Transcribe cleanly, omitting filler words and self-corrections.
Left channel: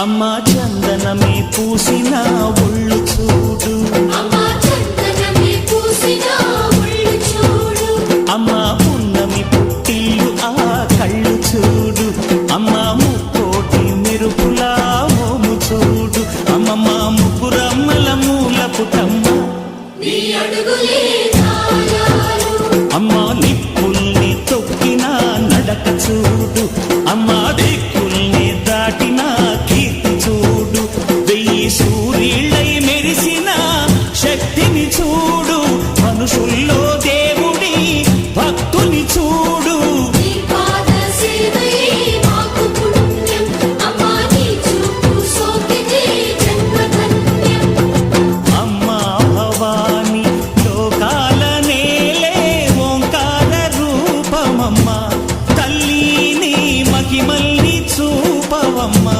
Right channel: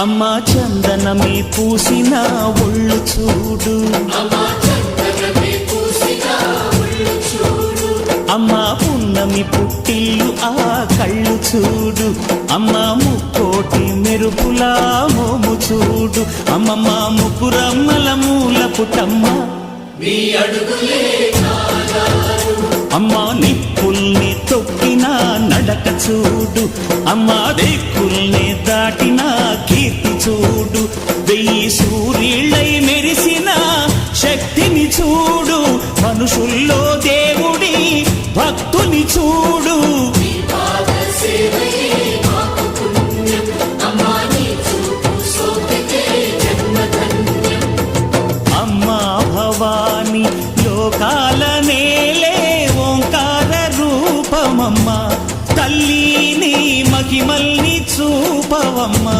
అమ్మా చందనమే పూసిన ఒళ్ళు చూడు, అమ్మా పున్నమి పుట్టిల్లు ఆ కళ్ళు చూడు, అమ్మా ముక్కోటి మెరుపులా మోము చూడు, అమ్మమ్మ ముగ్గురమ్మల మూల పుటమ్మ అమ్మా నిప్పుల్ని తొక్కిన నడక చూడు, అమ్మా దిక్కుల్ని దాటిన కీర్తి చూడు, 1000 సూర్యుళ్ళై మెరిసిన శక్తిని చూడు, మనుషుల్లో దేవుడి భక్తుని చూడు. అమ్మా భవాని లోకాల నేలే ఓంకార రూపమమ్మా, తల్లిని మహిమల్ని చూపవమ్మా.